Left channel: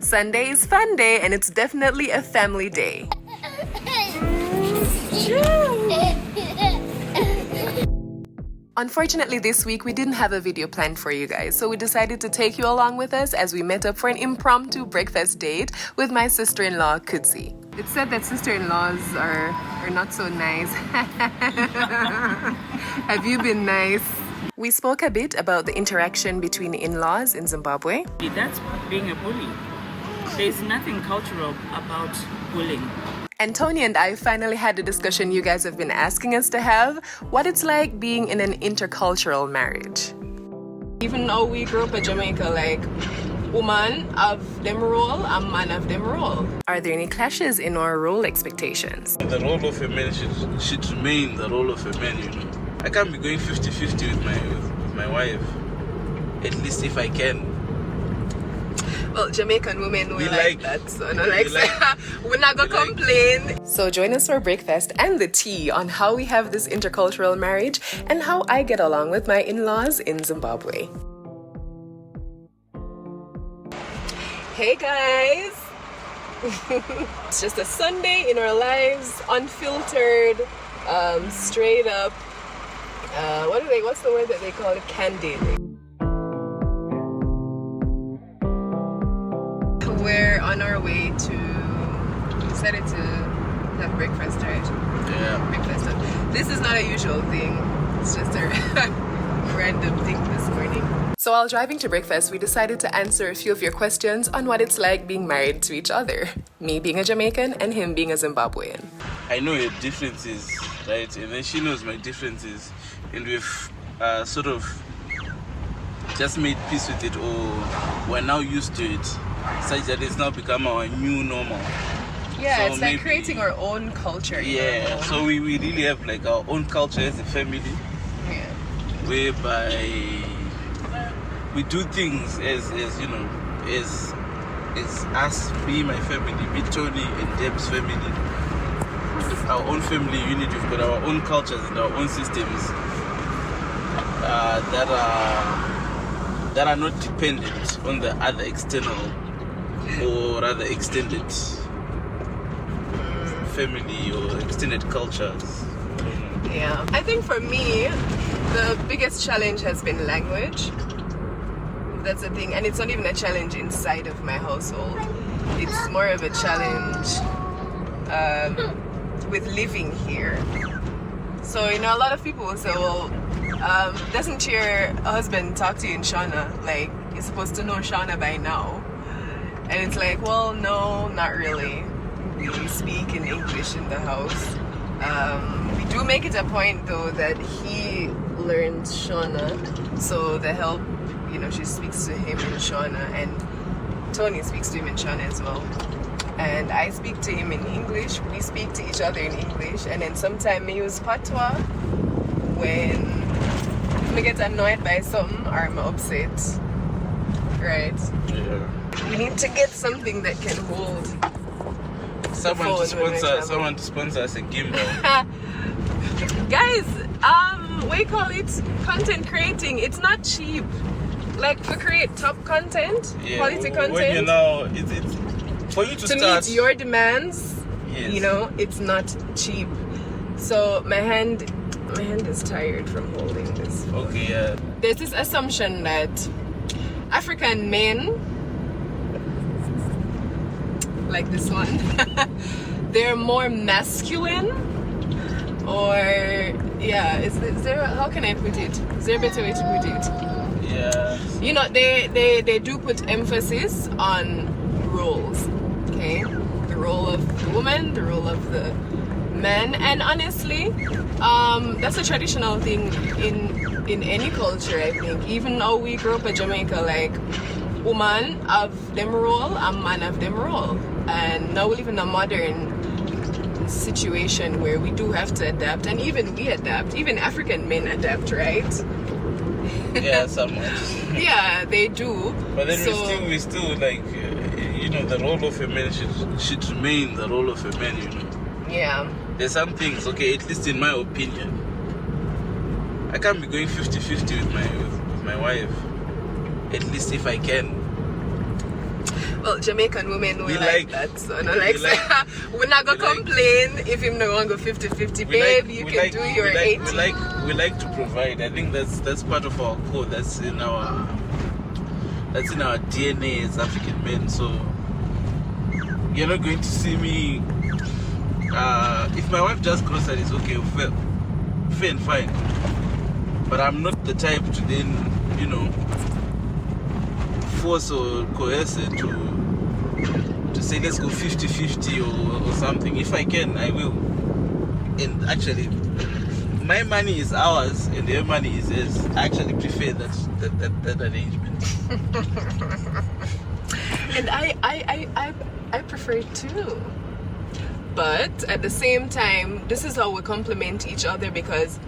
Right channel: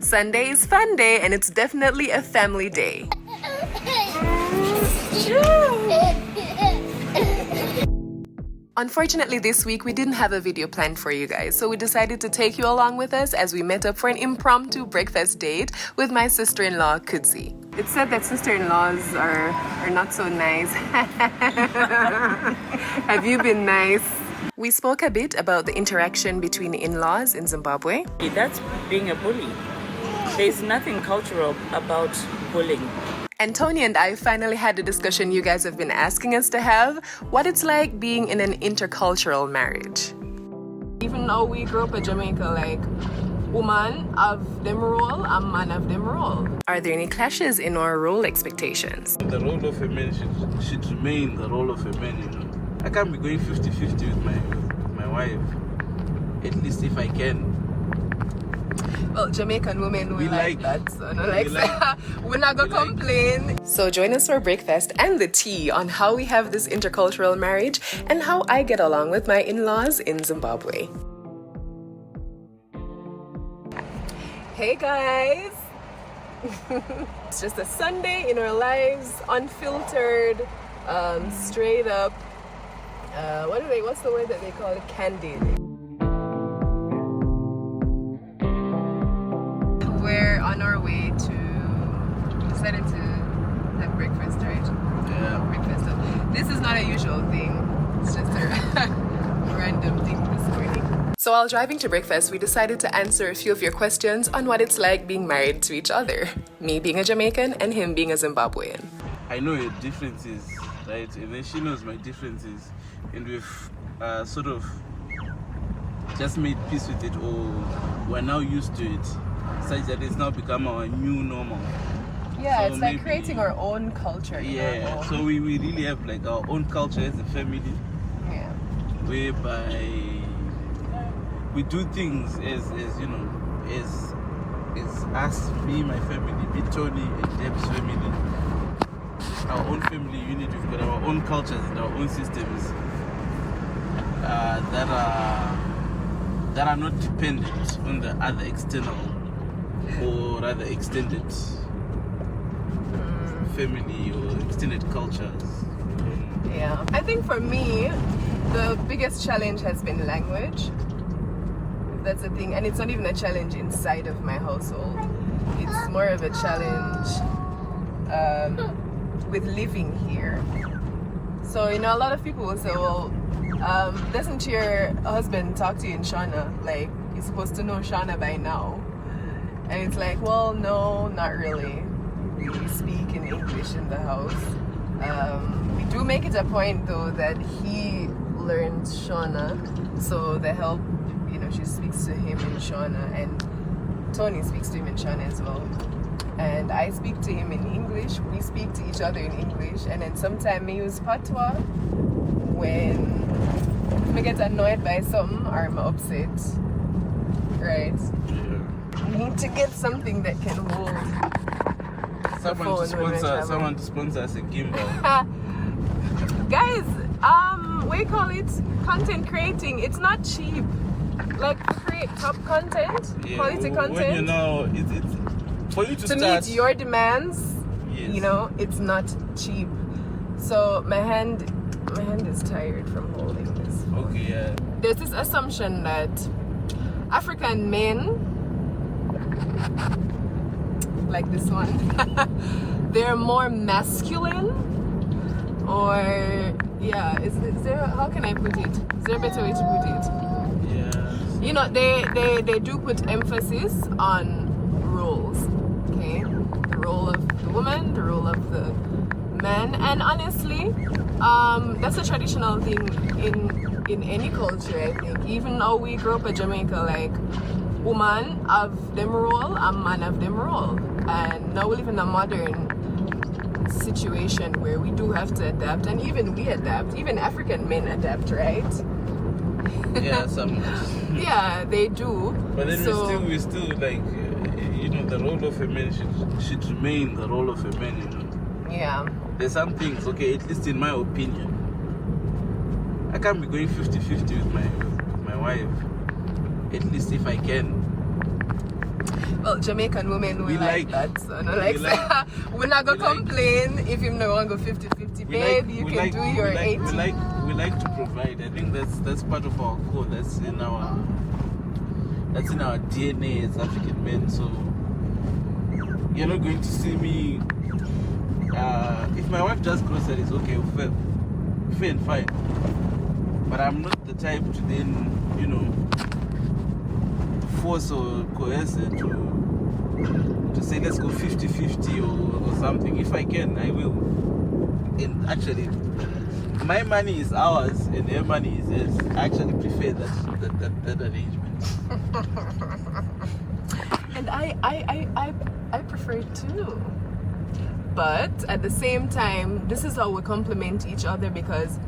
Sunday is fun day, and it's definitely a family day. Unfortunately, this week we didn't have a video planned for you guys, so we decided to take you along with us as we met up for an impromptu breakfast date with my sister-in-law, Kudzi. It's said that sister-in-laws are not so nice. Have you been nice? We spoke a bit about the interaction between in-laws in Zimbabwe. That's being a bully. There's nothing cultural about bullying. And Tony and I finally had the discussion you guys have been asking us to have, what it's like being in an intercultural marriage. Even though we grew up in Jamaica, like, woman of them role and man of them role. Are there any clashes in our role expectations? The role of a man should remain the role of a man, you know. I can't be going 50-50 with my wife, at least if I can. Well, Jamaican women will like that, so no, we're not gonna like complain. So join us for breakfast and the tea on how we have this intercultural marriage and how I get along with my in-laws in Zimbabwe. Hey guys! It's just a Sunday in our lives, unfiltered, straight up. What's the word that they call it? Candid. We're on our way to, decided to have breakfast, right? Yeah. Breakfast. This is not a usual thing. It's just a random thing this morning. So while driving to breakfast, we decided to answer a few of your questions on what it's like being married to each other. Me being a Jamaican and him being a Zimbabwean. I know your differences, right? And then she knows my differences. And we've sort of just made peace with it, or we're now used to it, such that it's now become our new normal. Yeah, So it's like creating our own culture. Yeah, so we really have like our own culture as a family, whereby we do things as you know, as us, me, my family, me, Tony, and Deb's family. Our own family unit, we've got our own cultures and our own systems that are not dependent on the other external or rather extended family or extended cultures. Yeah, I think for me, the biggest challenge has been language. That's the thing, and it's not even a challenge inside of my household. It's more of a challenge with living here. So, you know, a lot of people will say, well, doesn't your husband talk to you in Shona? Like, you're supposed to know Shona by now. And it's like, well, no, not really. We speak in English in the house. We do make it a point, though, that he learns Shona. So the help, you know, she speaks to him in Shona, and Tony speaks to him in Shona as well. And I speak to him in English. We speak to each other in English. And then sometimes we use patois when we get annoyed by something or I'm upset. Right? Yeah. We need to get something that can hold Someone to sponsor us a game. Guys, we call it content creating. It's not cheap. Like, to create top content, quality content. When you know, it's for you to meet your demands. Yes. You know, it's not cheap. So my hand is tired from holding this. Okay, yeah. There's this assumption that African men, like this one, they're more masculine, or is there, how can I put it? Is there a better way to put it? Yeah. You know, they do put emphasis on roles, okay? The role of the woman, the role of the man, and honestly, that's a traditional thing in any culture, I think. Even though we grew up in Jamaica, like, woman of them role and man of them role. And now we live in a modern situation where we do have to adapt, and even we adapt. Even African men adapt, right? Yeah, somewhat. Yeah, they do. But then so, we still like, you know, the role of a man should remain the role of a man, you know. Yeah. There's some things, okay, at least in my opinion, I can't be going 50-50 with my wife, at least if I can. Well, Jamaican women we like that. So no, like, we're not gonna we like- complain if him not gonna go 50-50, babe. You can do your 80. We like to provide. I think that's part of our code. That's in our DNA as African men. So you're not going to see me. If my wife does groceries, okay, fair and fine. But I'm not the type to then, you know, force or coerce her to say let's go 50-50 or something. If I can, I will. And actually, my money is ours and their money is theirs. I actually prefer that arrangement. And I prefer it too. But at the same time, this is how we complement each other, because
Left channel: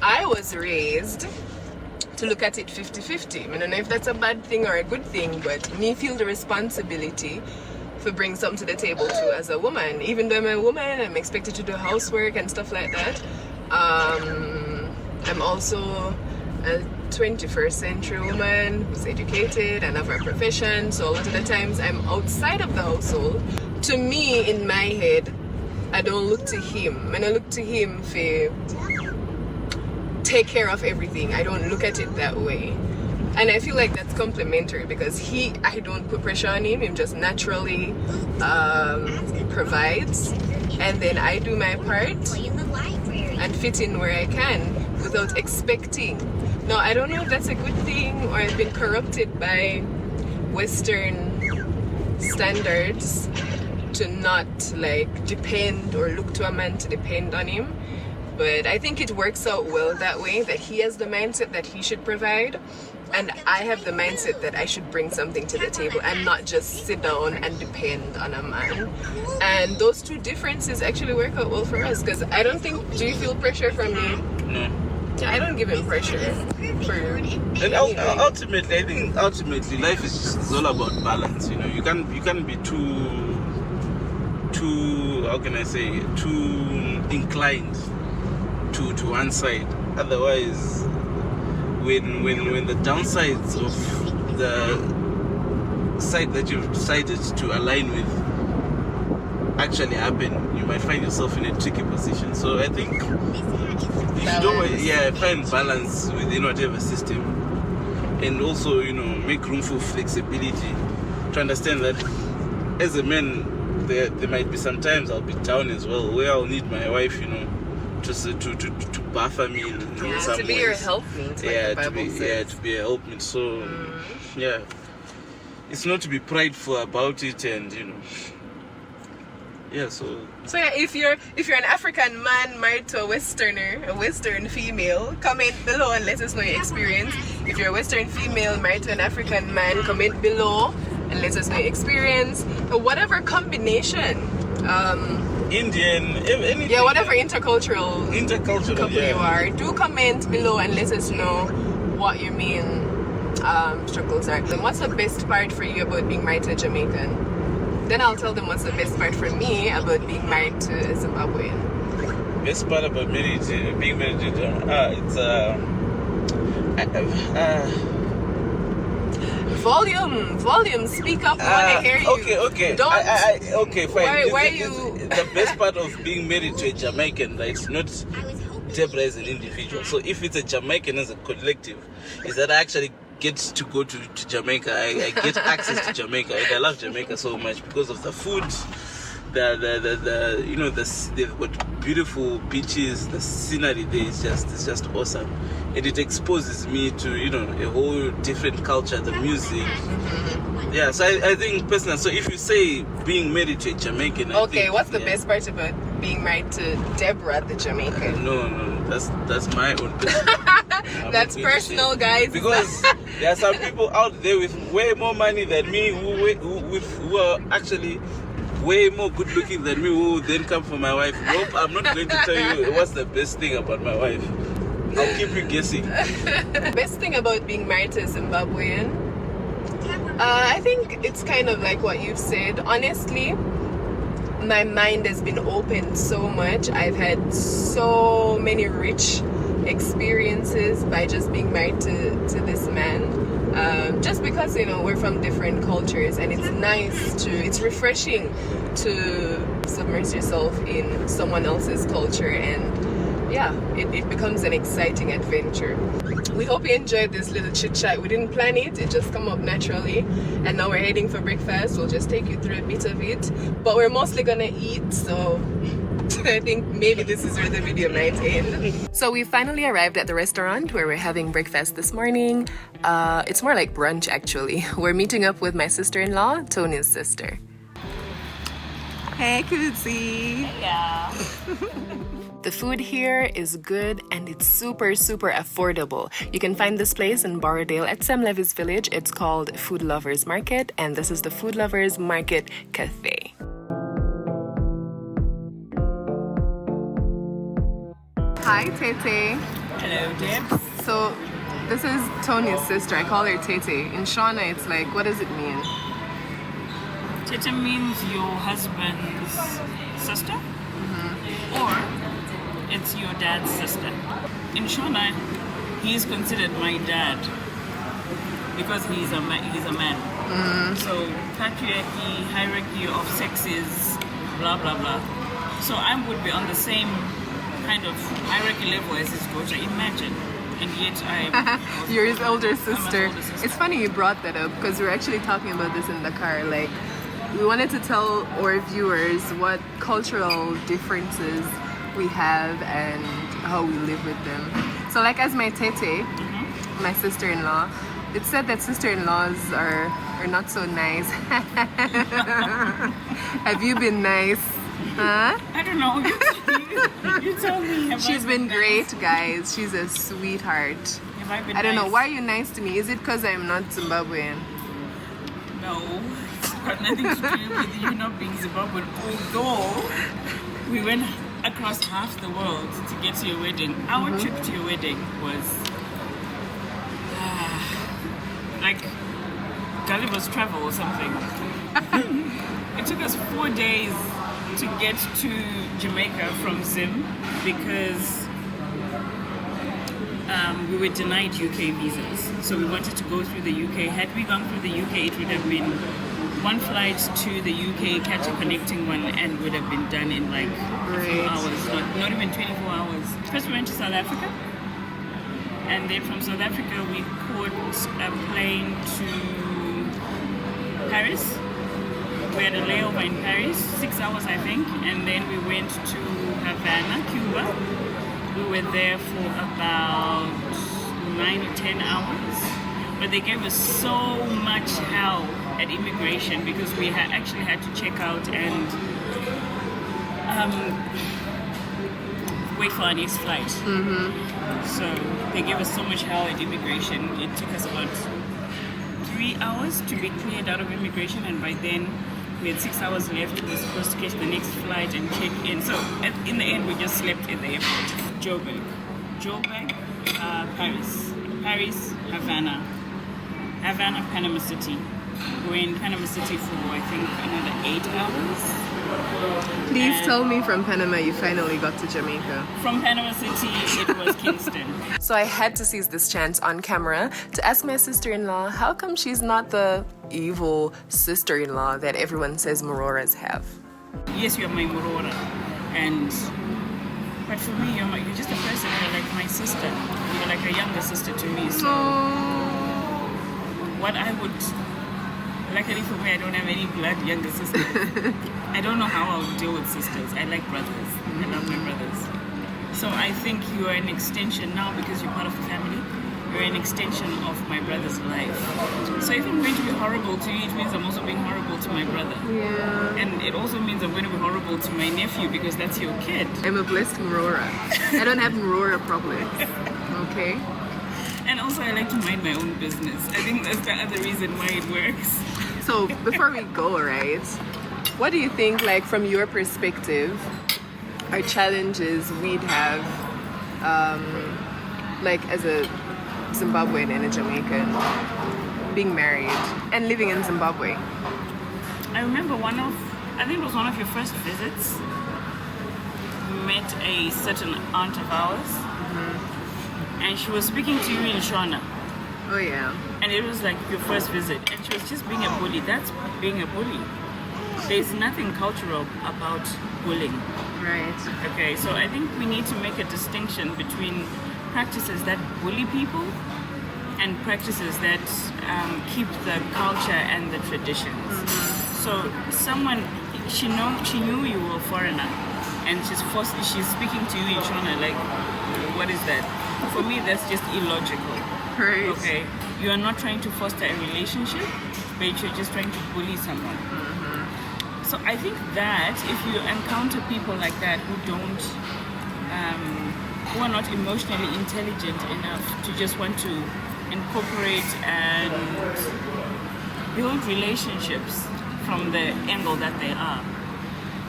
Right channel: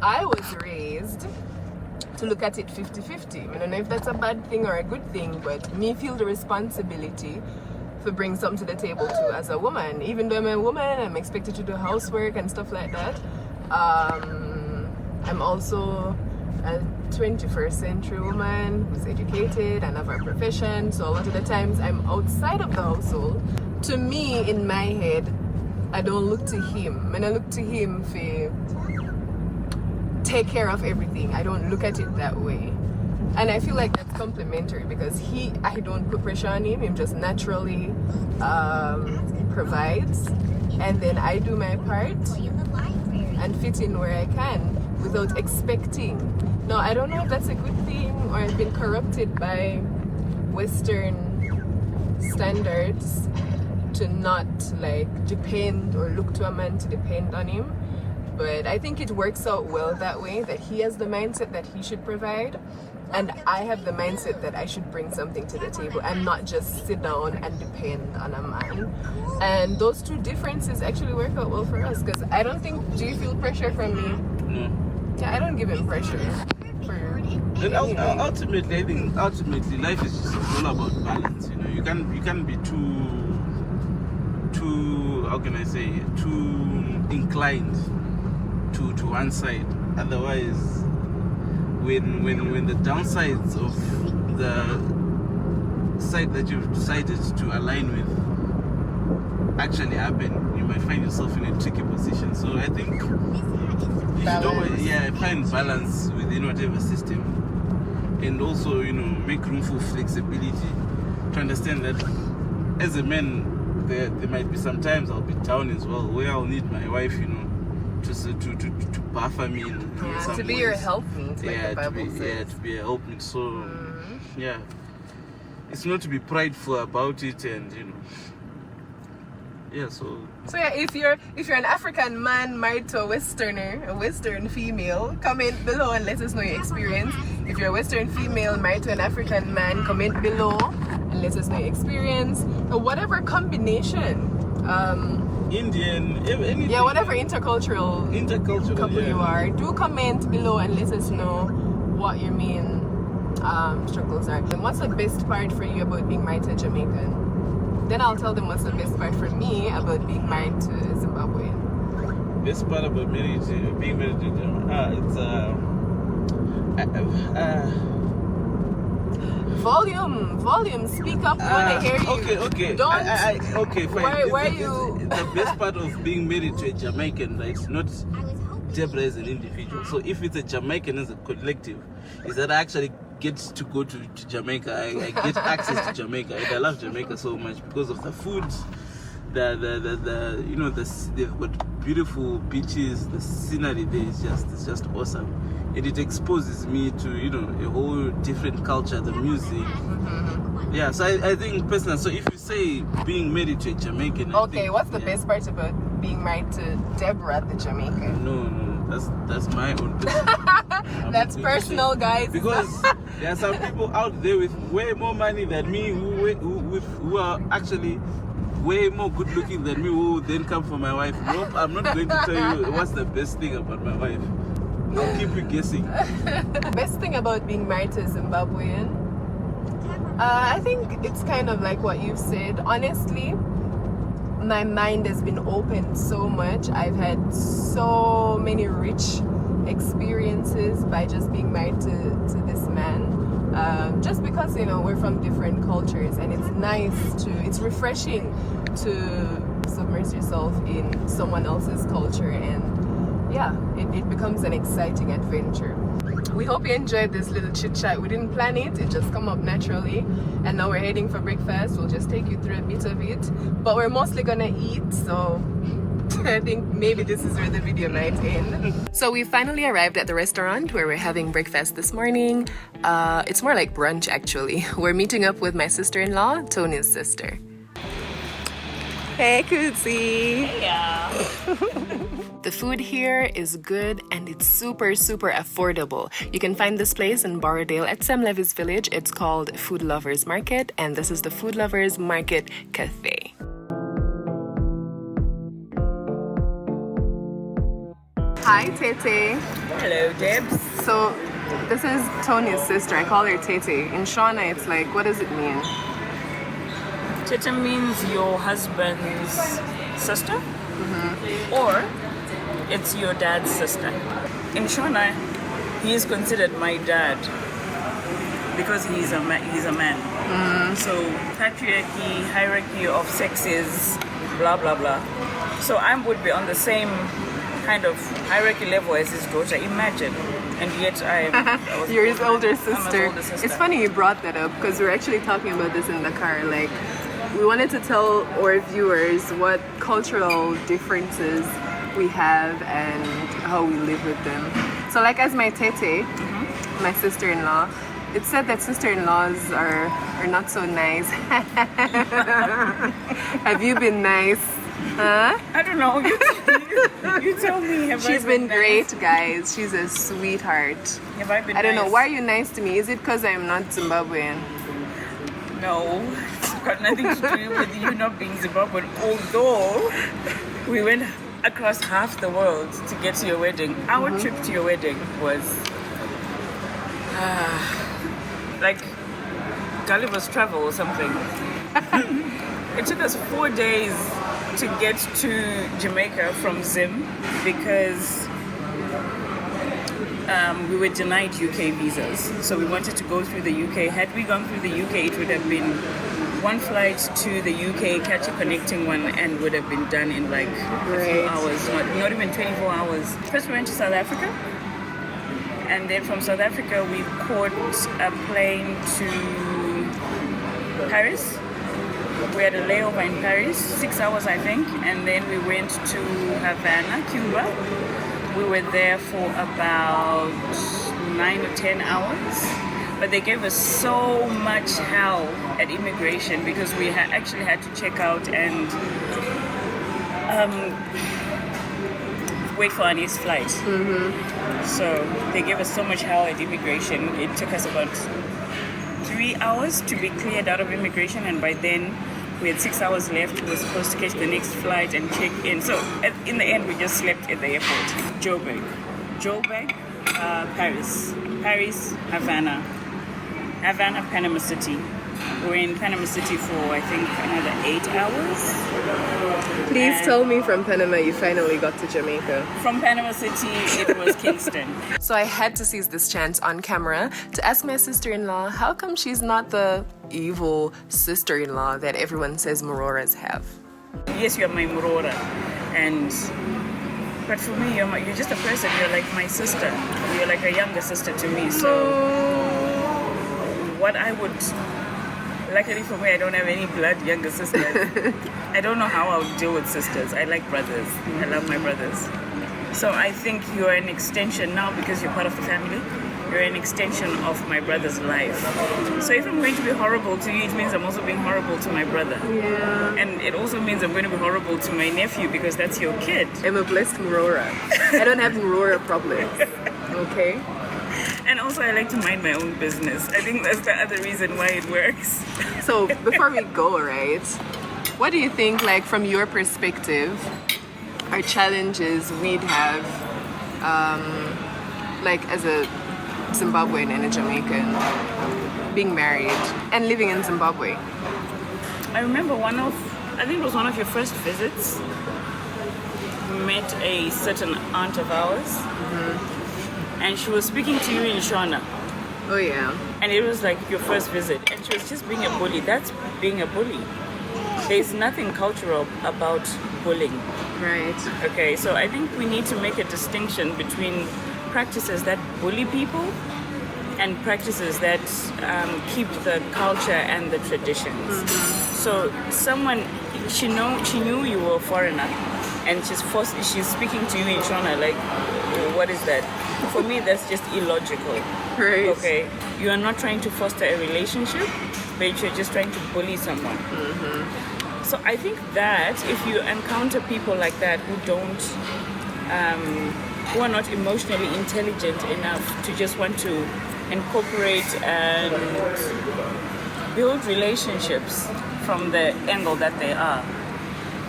I was raised to look at it 50-50. I don't know if that's a bad thing or a good thing, but me feel the responsibility for bring something to the table too as a woman. Even though I'm a woman, I'm expected to do housework and stuff like that. I'm also a 21st century woman who's educated and have a profession, so a lot of the times I'm outside of the household. To me, in my head, I don't look to him. When I look to him for take care of everything, I don't look at it that way. And I feel like that's complementary, because I don't put pressure on him. He just naturally provides, and then I do my part and fit in where I can without expecting. Now, I don't know if that's a good thing or I've been corrupted by Western standards to not like depend or look to a man to depend on him. But I think it works out well that way, that he has the mindset that he should provide, and I have the mindset that I should bring something to the table and not just sit down and depend on a man. And those two differences actually work out well for us, because I don't think, do you feel pressure from me? No. Yeah, I don't give him pressure. And ultimately, I think life is just all about balance. You know, you can't be too how can I say, too inclined to one side. Otherwise, when the downsides of the side that you've decided to align with actually happen, you might find yourself in a tricky position. So I think you should always find balance within whatever system, and also, you know, make room for flexibility, to understand that as a man there might be some times I'll be down as well, where I'll need my wife, you know, to buffer me in some to be ways. your helpmate, like the Bible says. To be a helpmate. So it's not to be prideful about it, and you know, so yeah, if you're an African man married to a Western female, comment below and let us know your experience. If you're a Western female married to an African man, comment below and let us know your experience. Whatever combination, Indian, anything. Yeah, whatever intercultural couple you are, do comment below and let us know what your main struggles are. And what's the best part for you about being married to a Jamaican? Then I'll tell them what's the best part for me about being married to a Zimbabwean. Best part about being married to it's Volume, speak up, I want to hear you. Okay. Don't. Okay, fine. Why you? The best part of being married to a Jamaican, right, it's not Debra as an individual. So if it's a Jamaican as a collective, is that I actually get to go to Jamaica. I get access to Jamaica. And I love Jamaica so much because of the food. The you know, they've got beautiful beaches. The scenery there is just awesome, and it exposes me to, you know, a whole different culture, the music. Yeah, so I think personally. So if you say being married to a Jamaican, what's the best part about being married to Debra, the Jamaican? No, that's my own personal. That's personal, guys. Because there are some people out there with way more money than me who are actually way more good looking than me, who then come for my wife. Nope, I'm not going to tell you what's the best thing about my wife. I'll keep you guessing. The best thing about being married to a Zimbabwean, I think it's kind of like what you've said. Honestly, my mind has been opened so much. I've had so many rich experiences by just being married to this man. just because we're from different cultures, and it's refreshing to submerge yourself in someone else's culture, and yeah, it becomes an exciting adventure. We hope you enjoyed this little chit chat. We didn't plan it just come up naturally, and now we're heading for breakfast. We'll just take you through a bit of it, but we're mostly gonna eat, so I think maybe this is where the video might end. So we finally arrived at the restaurant where we're having breakfast this morning. It's more like brunch actually. We're meeting up with my sister-in-law, Tony's sister. Hey Kutsi! Yeah. The food here is good and it's super affordable. You can find this place in Borrowdale at Sam Levy's village. It's called Food Lovers Market, and this is the Food Lovers Market Cafe. Hi Tete. Hello, Debs. So this is Tony's sister. I call her Tete. In Shona it's like, what does it mean? Tete means your husband's sister, or it's your dad's sister. In Shona, he is considered my dad because he's a man. So patriarchy, hierarchy of sexes, blah blah blah. So I would be on the same kind of hierarchy level as his daughter. Imagine. And yet You're his older sister. I'm his older sister. It's funny you brought that up because we're actually talking about this in the car. Like, we wanted to tell our viewers what cultural differences we have and how we live with them. So like as my tete, my sister-in-law, it's said that sister-in-laws are not so nice. Have you been nice? Huh? I don't know. You tell me. She's been great, guys. She's a sweetheart. Have I been I don't know. nice? Why are you nice to me? Is it because I'm not Zimbabwean? No, it's got nothing to do with you not being Zimbabwean. Although we went across half the world to get to your wedding. Our trip to your wedding was like Gulliver's Travel or something. It took us 4 days to get to Jamaica from Zim because we were denied UK visas. So we wanted to go through the UK. Had we gone through the UK, it would have been one flight to the UK, catch a connecting one, and would have been done in like a few hours, not even 24 hours. First we went to South Africa, and then from South Africa we caught a plane to Paris. We had a layover in Paris, 6 hours I think, and then we went to Havana, Cuba. We were there for about 9 or 10 hours, but they gave us so much hell at immigration because we actually had to check out and wait for our next flight. So they gave us so much hell at immigration. It took us about 3 hours to be cleared out of immigration, and by then we had 6 hours left. We were supposed to catch the next flight and check in. So in the end, we just slept at the airport. Joburg, Paris, Havana, Panama City. We were in Panama City for I think another 8 hours. Please tell me from Panama you finally got to Jamaica. From Panama City, it was Kingston. So I had to seize this chance on camera to ask my sister-in-law how come she's not the evil sister-in-law that everyone says Mororas have. Yes, you're my Morora, but for me, you're just a person. You're like my sister. You're like a younger sister to me. So what I would, luckily for me, I don't have any blood younger sisters. I don't know how I'll deal with sisters. I like brothers. I love my brothers. So I think you're an extension now because you're part of the family. You're an extension of my brother's life. So if I'm going to be horrible to you, it means I'm also being horrible to my brother. Yeah. And it also means I'm going to be horrible to my nephew because that's your kid. I'm a blessed Morora. I don't have Morora problems. Okay? And also I like to mind my own business. I think that's the other reason why it works. So before we go, right, what do you think, like from your perspective, are challenges we'd have, like as a Zimbabwean and a Jamaican, being married and living in Zimbabwe? I remember I think it was one of your first visits. We met a certain aunt of ours, and she was speaking to you in Shona. Oh yeah. And it was like your first visit, and she was just being a bully. That's being a bully. There's nothing cultural about bullying. Right. Okay, so I think we need to make a distinction between practices that bully people and practices that keep the culture and the traditions. So someone, she knew you were a foreigner, and she's speaking to you in Shona, like, what is that? For me, that's just illogical. Right. Okay, you are not trying to foster a relationship, but you're just trying to bully someone. So I think that if you encounter people like that who don't, who are not emotionally intelligent enough to just want to incorporate and build relationships from the angle that they are,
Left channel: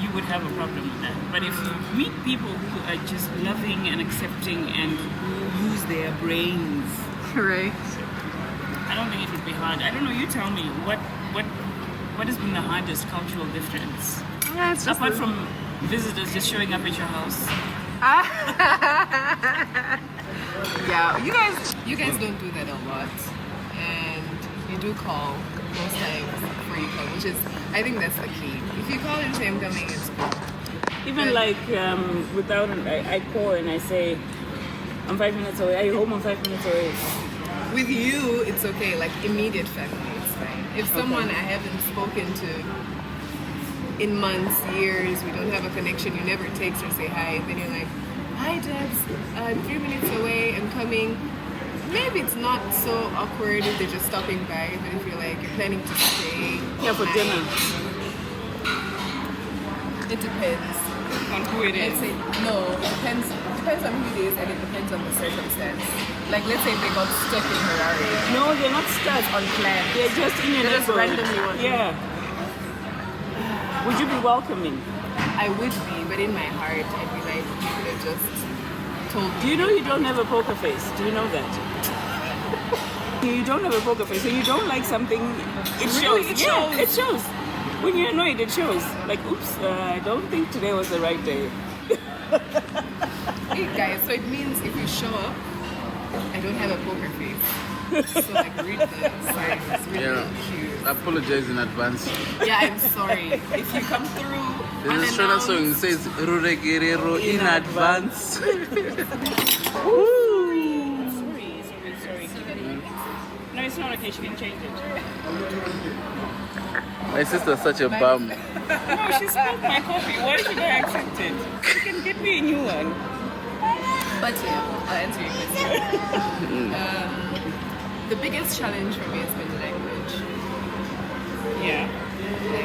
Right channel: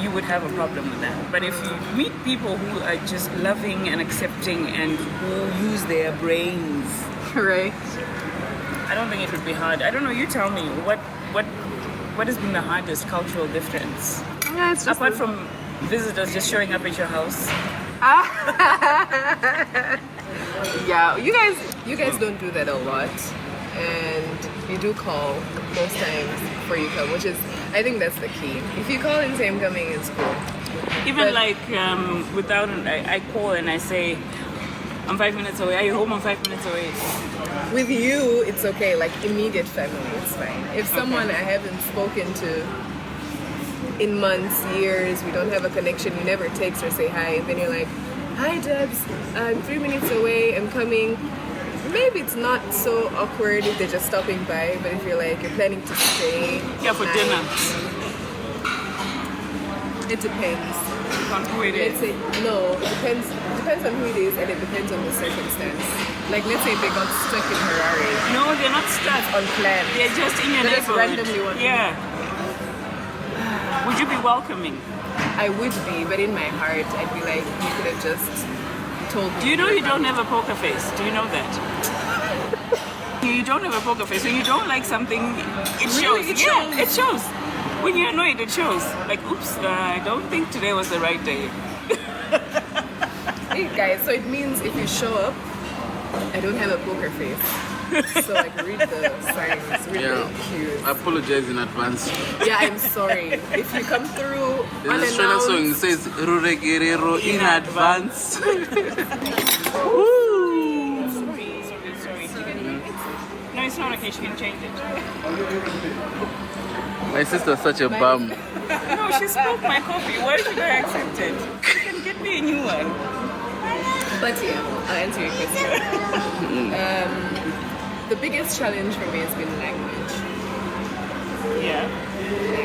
you would have a problem with that. But if you meet people who are just loving and accepting and who use their brains, Right. I don't think it would be hard. I don't know, you tell me, what has been the hardest cultural difference? Yeah, it's just Apart from visitors just showing up at your house. Yeah, you guys don't do that a lot, and you do call most times before you come, which is, I think that's the key. If you call and say I'm coming, it's cool. Even But- like without, I call and I say, I'm 5 minutes away. Are you home? I'm 5 minutes away. With you, it's okay. Like immediate family, it's fine. If someone I haven't spoken to in months, years, we don't have a connection, you never text or say hi, and then you're like, hi Debs, I'm 3 minutes away, I'm coming. Maybe it's not so awkward if they're just stopping by, but if you're like, you're planning to stay Yeah, for night, dinner. it depends. On who it Let's is. say, no, it depends on who it is, and it depends on the circumstance. Like let's say they got stuck in Harare, No, they're not stuck. unplanned. They're just in your They just neighborhood. randomly want. Yeah. Would you be welcoming? I would be, but in my heart, I'd be like, you could have just told me. Do you know were you don't coming. have a poker face? Do you know that? You don't have a poker face, so you don't like something. It Really? shows. It Yeah, shows. it shows. When you're annoyed, it shows. Like, oops, I don't think today was the right day. Hey guys, so it means if you show up, I don't have a poker face. So like read the signs, read the cues. I apologize in advance. Yeah, I'm sorry. If you come through There's a Shona song that unannounced, says Rure Guerrero in advance. No, it's not okay. She can change it. My sister's such a bum. No, she spoke my coffee. Why should I accept it? She can get me a new one. but yeah, I'll answer your question. The biggest challenge for me has been language. Yeah.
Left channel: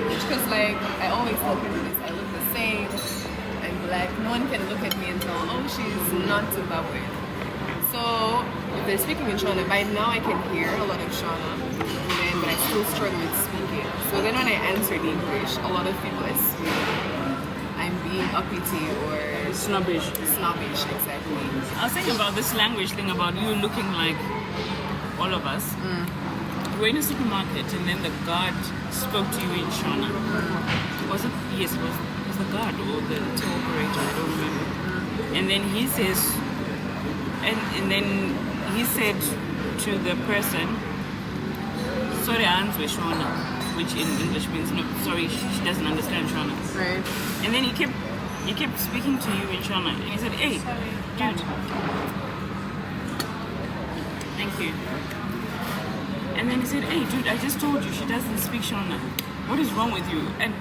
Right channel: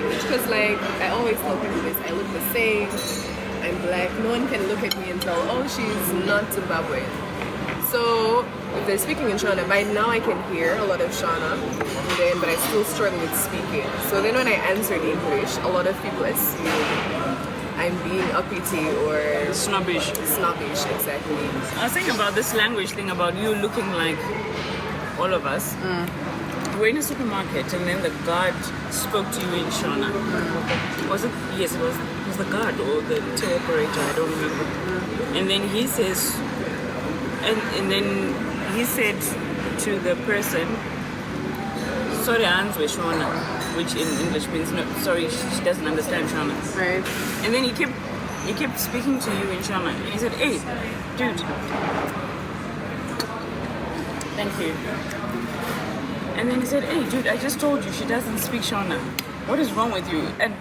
Because like I always tell people this, I look the same, I'm black, no one can look at me and tell, oh, she's not Zimbabwean. So if they're speaking in Shona, by now I can hear a lot of Shona, but I still struggle with speaking. So then when I answered English, a lot of people assume I'm being uppity or Snobbish. snobbish, exactly. I was thinking about this language thing about you looking like all of us. We were in a supermarket and then the guard spoke to you in Shona. Was it? Yes, it was the guard or the till operator, I don't remember. And then he says, and then he said to the person, sorry, Answe Shona, which in English means no, sorry, she doesn't understand Shona. Right. And then he kept speaking to you in Shona. And he said, hey, dude. Thank you. And then he said, hey, dude, I just told you she doesn't speak Shona. What is wrong with you? And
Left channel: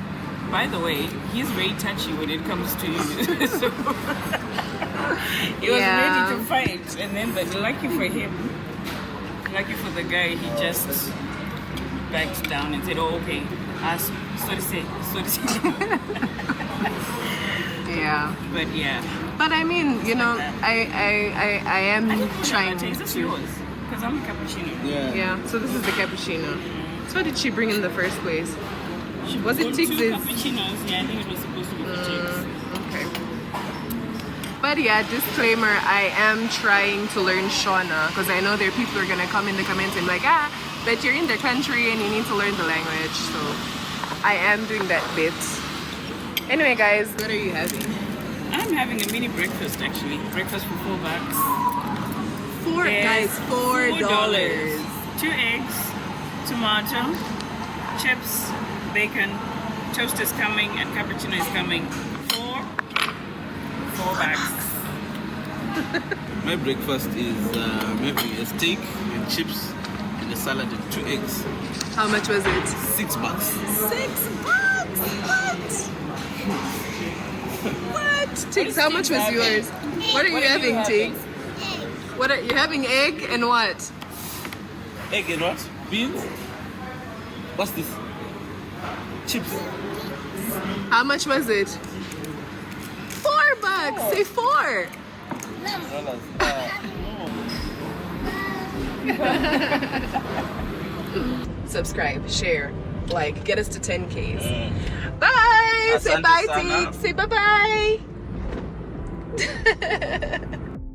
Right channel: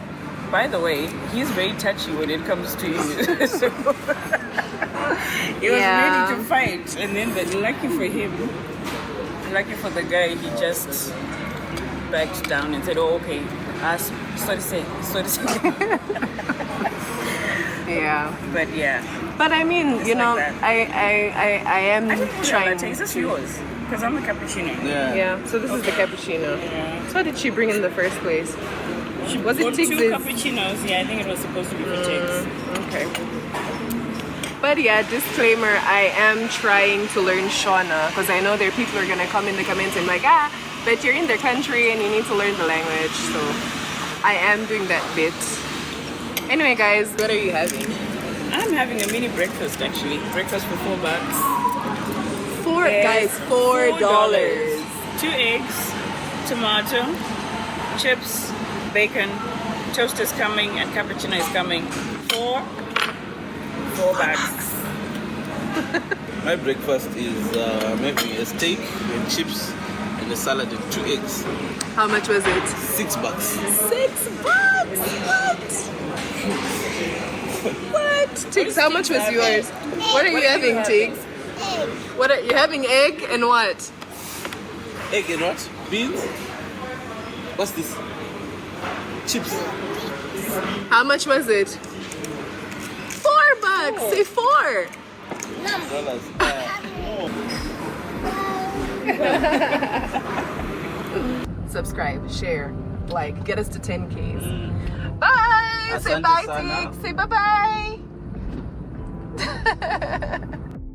by the way, he's very touchy when it comes to you. So he was Yeah. ready to fight. And then, but lucky for him, lucky for the guy, he just backed down and said, oh, okay. Sorry, say. Yeah. But yeah. But I mean, you know, like that. I am trying Is this to. yours? Because I'm a cappuccino. Yeah, so this is the cappuccino. Yeah. So what did she bring in the first place? Was Well, it 2 Tiggs's? cappuccinos. Yeah, I think it was supposed to be for Tiggs. Okay. But yeah, disclaimer, I am trying to learn Shona because I know there are people who are going to come in the comments and like, that you're in their country and you need to learn the language. So I am doing that bit. Anyway, guys, what are you having? I'm having a mini breakfast actually. Breakfast for $4. Guys, $4. 2 eggs, tomato, chips, bacon, toast is coming, and cappuccino is coming. 4 bags. My breakfast is maybe a steak and chips and a salad and 2 eggs. How much was it? $6. $6? What? Tiggs, how much was yours? What are you having, Tiggs? What are you having? Egg and what? Egg and what? Beans? What's this? Chips. How much was it? $4. Say 4. $4. Subscribe, share, like, get us to 10Ks. Bye. Say bye, Asante sana. Tiggs. Say bye bye.